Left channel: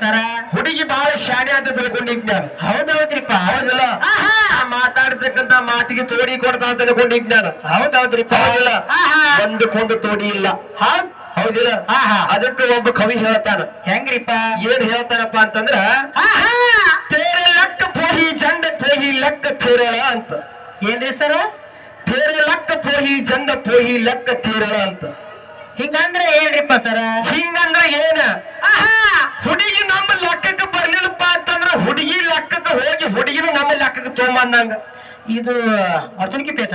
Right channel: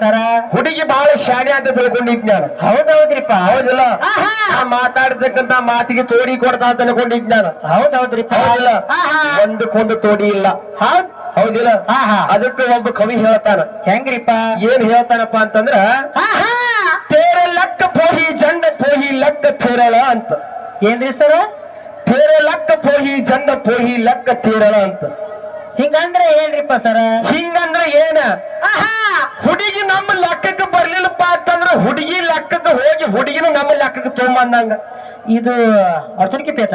ಸರ? ಹುಡುಗಿ ಬಹಳ ಶಾಣೆ ಅಂತ ತಿಳ್ಕೊಂಡಿದ್ ನಾನು. ಹೌದೌದ್ರಿಪ್ಪ ಹೌದಿಲ್ಲ. ಮಾತಾಡ್ತಕ್ಕಂತ ಮಾತಿಗೆ ತೋಡಿ ಕೊಡ್ತಾ ಅಂತ ತಿಳ್ಕೊಂಡಿದ್ ನಾನು. ಹೌದೌದ್ರಿಪ್ಪ ಹೌದಿಲ್ಲ. ಆಹಾ. ಒಂದಕ್ಕೊಂದು ತೋಡಿ ಇಲ್ಲ. ಹೌದ್ ಹೌದಿಲ್ಲ. ಅದಕ್ಕೆ ಒಬ್ಬ ಕವಿ ಹೇಳ್ತಾನ. ಹೆಂಗ್ರಿಪ್ಪ? ಏನ್ ಹೇಳ್ತಾನಪ್ಪ ಅಂತಂದ್ರ ಆಹಾ. ತೇರೆ ಲಕ್ಕ ಪೋಹಿ ಜಂಡ ಪೋಹಿ ಲಕ್ಕ ತೇರಳ ಅಂತ. ಏನ್ರಿ ಸರ? ತೇರೆ ಲಕ್ಕ ಪೋಹಿ ಜಂಡ ಪೋಹಿ ಲಕ್ಕ ತೇರಳ ಅಂತ. ಹಿಂಗಂದ್ರೆ ಏನ್ರಿಪ್ಪ ಸರ? ಹಿಂಗಂದ್ರೆ ಏನ? ಆಹಾ. ಹುಡುಗಿ ನಮ್ಮ ಲೆಕ್ಕಕ್ಕೆ ಬರ್ಲಿಲ್ಲಪ್ಪ ಅಂತಂದ್ರ ಹುಡುಗಿ ಲೆಕ್ಕಕ್ಕೆ ಹೋಗಿ ಹುಡುಗಿನ ನಮ್ಮ ಲೆಕ್ಕಕ್ಕೆ ತೊಗೊಂಬಂದಂಗ ಇದು ಅರ್ಥನಿಕೆ ಪೇಚ್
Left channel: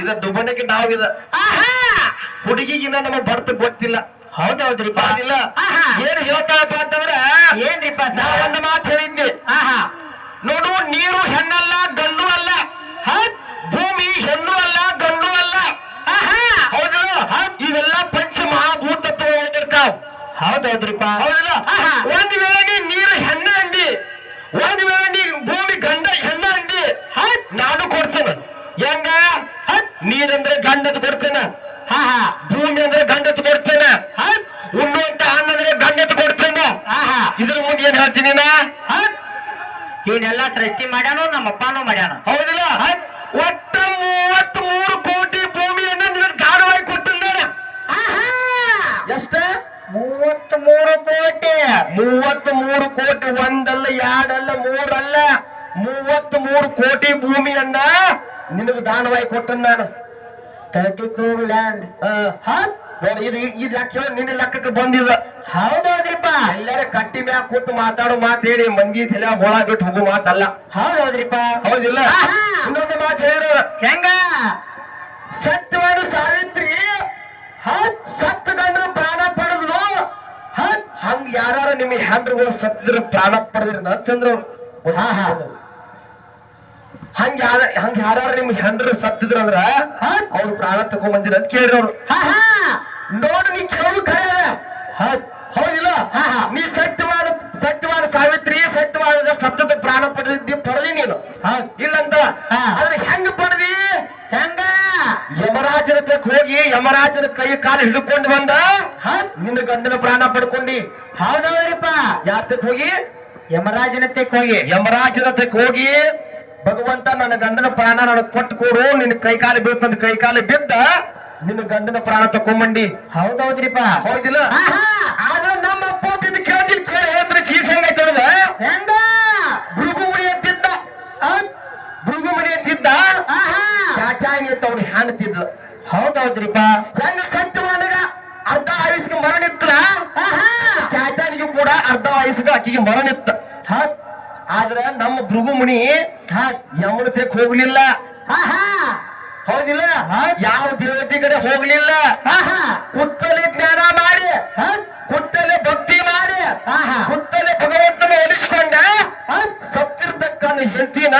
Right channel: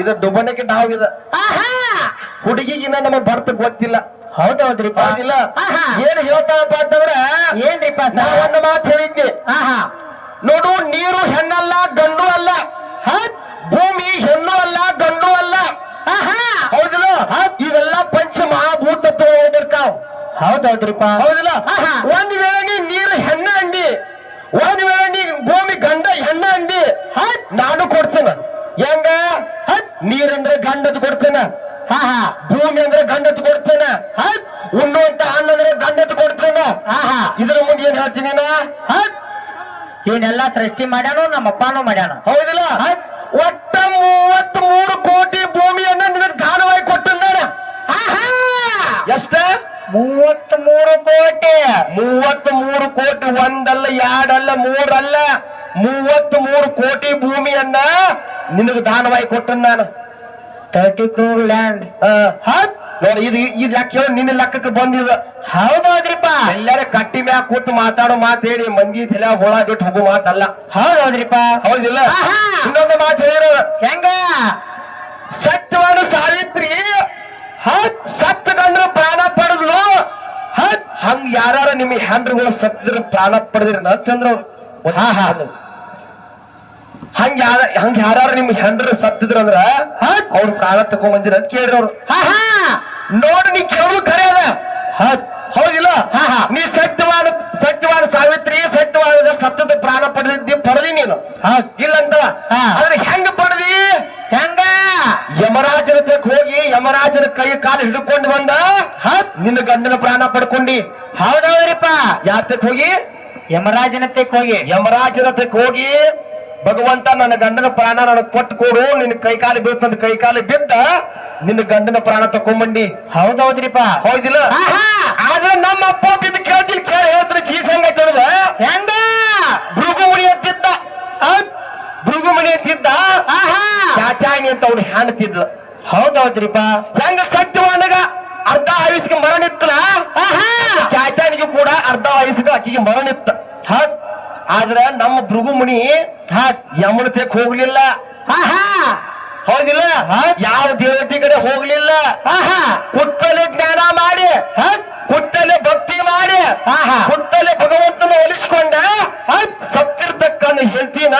ಇದು ಡುಬಣಕ್ಕೆ ಡಾವ್ ಇದ. ಆಹಾ. ಹುಡುಗಿಗಿನ ನಮಗ್ ಬರ್ತ ಗೊತ್ತಿಲ್ಲ. ಹೌದೌದ್ರಿ ಆಹಾ. ಏನ್ ಹೇಳ್ತಾಳಪ್ಪ ಅಂತಂದ್ರ ಏನ್ರಿಪ್ಪ ಒಂದು ಮಾತು ಹೇಳಿದ್ನಿ. ಆಹಾ! ನೋಡು ನೀರು ಹೆಣ್ಣಲ್ಲ ಗಂಡು ಅಲ್ಲ ಹತ್ ಭೂಮಿ ಹೆಣ್ಣು ಅಲ್ಲ ಗಂಡು ಅಲ್ಲ ಆಹಾ. ಹೌದಿಲ್ಲ ಹತ್ ಇವೆಲ್ಲ ಪಂಚ ಮಹಾಭೂತತ್ವ ಓದಿರ್ತಾವ ಹೌದೌದ್ರಿಪ್ಪ. ಹೌದಿಲ್ಲ. ಒಂದ್ ವೇಳೆ ನೀ ನೀರು ಹೆಣ್ಣ ಅಂದಿ ಒಂದ್ ವೇಳೆ ನೀ ಭೂಮಿ ಗಂಡ ಹೆಣ್ಣ ಅಂದಿ ನಾನು ಕೊಡ್ತೇನೆ. ಹೆಂಗ? ನೀರಂದ್ರೆ ಗಂಡದ್ ಕೊಡ್ತೇನೆ. ಭೂಮಿ ಅಂದ್ರೆ ಗಂಡತ್ ಕೊಡ್ತೇನೆ. ಉಣ್ಣುವಂತ ಹಣ್ಣು ಅಂದ್ರೆ ಗಂಡತ್ ಕೊಡ್ತೇನೆ. ಇದ್ರ ಮುಂದೆ ಏನ್ ಹೇಳ್ತೀನಿ ನಾ? ಇವನ್ನೆಲ್ಲ ಸೃಷ್ಟಿ ಮಾಡ್ಯಾನು ನಮ್ಮ ಅಪ್ಪನೂ ಮಾಡ್ಯಾನ? ಹೌದಿಲ್ಲ? ಒಟ್ಟ ಮೂವತ್ತ್ ಮೂರು ಕೋಟಿ ಭೂಮಿಯನ್ನ ನಿನಗೆ ದಾನವಾಗಿ ಕೊಟ್ಟಿದ್ದಾನೆ ಎಷ್ಟ ಮೂವತ್ತ್ ಮೂರು ಕೋಟಿ ಮೂವತ್ತ್ ಮೂರು ಕೋಟಿ ಒಂದಲ್ಲ ಎರಡಲ್ಲ ಮೂರಲ್ಲ ಮೂವತ್ತ್ ಮೂರು ಕೋಟಿ ಭೂಮಿಯನ್ನ ನಿನಗೆ ದಾನವಾಗಿ ಕೊಟ್ಟ ನಾನು. ತರ್ಟಿ ಕ್ರೋರ್ ಲ್ಯಾಂಡ್ ನೋಡಿ ಇದು ಈ ಲೆಕ್ಕ ಹೇಳಿ ನಿನ್ನ ಲೆಕ್ಕಕ್ಕೆ ಬಂದಿಲ್ಲ ಹೌದೌದ್ರಿಪ್ಪ. ಎಲ್ಲರ ಕಟ್ಟಿ ಮ್ಯಾಗ ಕೂತು ಮಾತಾಡೋ ಮಾತು ಹೇಳಿ ಮಂದಿ ತಲೆ ಹೋಳಾದಿಟ್ಟು ಹೋಗೋ ಮಾತಲ್ಲ. ಹೌದೌದ್ರಿಪ್ಪ. ಹೌದಿಲ್ಲ. ಇನ್ನೊಂದು ಮಾತು ಹೇಳಿರೋ ಹೆಂಗ? ನಿಮ್ಮ ಹೆಂಡ್ರುಗಳು ಸತ್ತಿದ್ರು ಪ್ರಾಣ ಪಡೆದ್ರಿ ಅಂತಂದ್ರು ಹಾ ಹಾ. ಹಂಗ ಯಾರ ಹಂಗ ಯಾರು ನಿಮ್ಮ ಹೆಂಡ್ರು ಸತ್ತಿದ್ರು ಅಂದ್ರ ಅವ್ರು ಪ್ರಾಣ ತಕೊಂಡ್ ಬಂದಿರ ಅಂತ ಕೇಳ್ರಿ ಅವ್ರು. ನೋಡು ನೀ ಕೇಳೋದು ಖರೆ ಅದ. ಹೌದಿಲ್ಲ. ನೀ ಸತ್ಯವಾದ ಸತ್ಯವಾದ ಸಾವಿತ್ರಿ ಸತ್ಯವಾದ ಸತ್ತದ ಪ್ರಾಣ ಪಡೆದಿದ್ದಿ ಪಡೆದಿ ನೀನು. ಹೌದ್. ಇಲ್ಲಂತ. ಆದ್ರೆ ಹೆಂಗ ಪಡೆದಿ? ಹೆಂಗ? ಯಮರಾಜನ ತಕ್ಕ ಹೋಗಿ ಯಮರಾಜನ ಕೈ ಕಾಲು ಹಿಡ್ಕೊಂಡು ಬಂದ? ನಿನ್ನ ಗಂಡನ ಪ್ರಾಣ ಪಡ್ಕೊಂಡಿ. ಹೌದೌದ್ರಿಪ್ಪ ತಕ್ಕ ಹೋಗಿ? ಯಮರಾಜನ ತೆಕ್ ಹೋಗಿ. ಯಮರಾಜನ ತಕ್ಕ ಹೋಗಿ. ಭಗವಂತ ನನ್ನ ಗಂಡನ ಪ್ರಾಣ ನನಗೆ ಕೊಟ್ಟು ಕೊಡು. ನಿನ್ನ ಕೈಕಾಲು ಬೀಳ್ತಂದ ಕೈಕಾಲು ಬಿದ್ದ ನಿನ್ನ ಗಂಡನ ಪ್ರಾಣ ತಕೊಂಬಂಡಿ ಹೌದೌದ್ರಿಪ್ಪ. ಹೌದಿಲ್ಲ? ಆಹಾ. ಆದ್ರೆ ನಮ್ಮ ಅಪ್ಪ ಬಿದ್ದು ಕೇಳ್ತೀನಿ. ಕೇಳಿ ಹೇಳ್ತಾರೆ ಚೀಸ್ ಹೆಂಗ ತಿಳಿದ ಹೆಂಗ? ಭೃಗುಮುನಿ ಅಂತಿದ್ದ. ಭೃಗು ಮಣಿ ಅಂತಿದ್ದ? ಆಹಾ. ಚಾಚಾಣಿ ಅಂತ ಅವ್ನು ಹೆಣ್ತಿದ್ಲ ಹೌದೌದ್ರಿಪ್ಪ. ಹೆಂಗ ಸತ್ಯವಾನಗ ಆಕಿಗೆ ಮರಣಿತ್ತ ಹತ್ ಆದ್ರ ನಮ್ಮ ಭೃಗುಮುನಿ ಹತ್ ಯಮನ ತೆಕ್ ಹೋಗ್ಲಿಲ್ಲ. ಹೌದಿಲ್ಲ? ಯಾವ ದೇವತೆ ಕಡೆ ಹೋಗ್ಲಿಲ್ಲ. ಕುತ್ತಲೆ ಜ್ಞಾನ ಮಾಡಿ. ಹಾ ಕುತ್ತಲೆ ಭಕ್ತಿ ಮಾಡಿ. ಕುತ್ತಲೆ ಭಗವಂತನ ಒಲಿಸ್ಕೊಂಡ ಸತ್ತಿರ್ತಕ್ಕನ್ನು ಹೇಳ್ತೀನ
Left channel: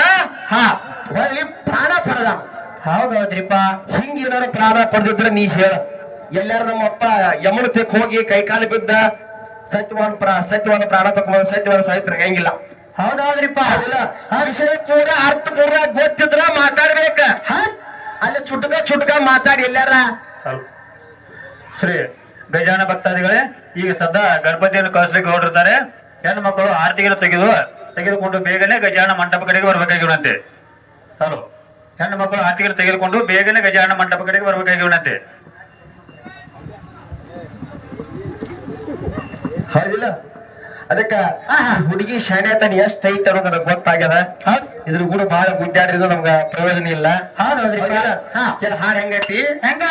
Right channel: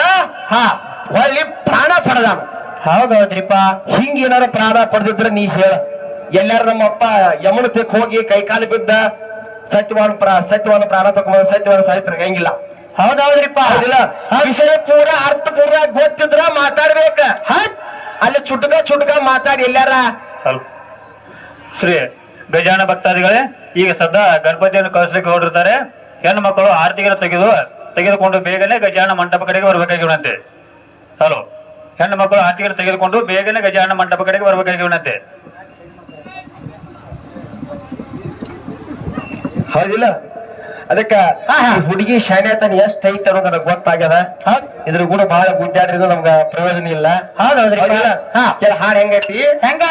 ಹಾ ಒಳ್ಳೆ ಪ್ರಾಣ ಪಡೆದ. ಹೌದೌದ್ರಿಪ್ಪ. ಹಿಂಗ ಏನಾರ ಪ್ರಾಣ ಪಡೆದಿದ್ರೆ ನೀ ಹೇಳ. ಎಲ್ಲಾರು ನಮ್ಮ ಅಪ್ಪ ಯಮನ ತೆಕ್ ಹೋಗಿ ಕೈಕಾಲು ಬಿದ್ದ. ಸತ್ಯವಾನ ಪ್ರಾ ಸತ್ಯವಾನ ಪ್ರಾಣ ತಕೊಂಬಂದ ಸತ್ಯವಾನ ಸಾಹಿತ್ಯ ಹೆಂಗಿಲ್ಲ ಹೌದೌದ್ರಿಪ್ಪ? ಹೌದಿಲ್ಲ ಆ ವಿಷಯ ಪೂರ ಅರ್ಥ ಪೂರ ಗೊತ್ತಿದ್ರ ಮಾತಾಡ್ಬೇಕ. ಅಲ್ಲಿ ಚುಟ್ಕ ಚುಟ್ಕ ಮಾತಾಡಿ ಎಲ್ಲಾರ ಶ್ರೀ ಗಜಾನ ಭಕ್ತಾದಿಗಳೇ ಈಗ ಸದ್ಯ ಗಣಪತಿಯನ್ನು ಕಳಿಸ್ಲಿಕ್ಕೆ ಹೊರಟಿರ್ತಾರೆ ಹೆಣ್ಣು ಮಕ್ಕಳು ಆರತಿಗೆಯನ್ನು ತೆಗೆದು ತೆಗೆದುಕೊಂಡು ಬೇಗನೆ ಗಜಾನ ಮಂಟಪ ಕಡೆಗೆ ಬರಬೇಕಾಗಿರುವಂತೆ. ಹಲೋ. ಹೆಣ್ಣು ಮಕ್ಕಳು ಆರತಿಗೆಯನ್ನು ತೆಗೆದುಕೊಂಡು ಬೇಗನೆ ಗಜಾನ ಮಂಟಪ ಕಡೆಗೆ ಬರಬೇಕಾಗಿರುವಂತೆ. ಹೌದಿಲ್ಲ ಅದಕ್ಕ ಹುಡುಗಿ ಶಾಣೆ ತನ ಎಷ್ಟ್ ಐತೆ ಅನ್ನೋದ ಗೊತ್ತಾಗ್ಯದ? ಇದ್ರ ಕೂಡ ಬಹಳ ಗುದ್ದಾಡಿದ್ರು ನಮ್ಗ ಪ್ರಯೋಜನ ಇಲ್ಲ. ಹಾಡ್ ಹೆಂಗೈತಿ? ಹೆಂಗ?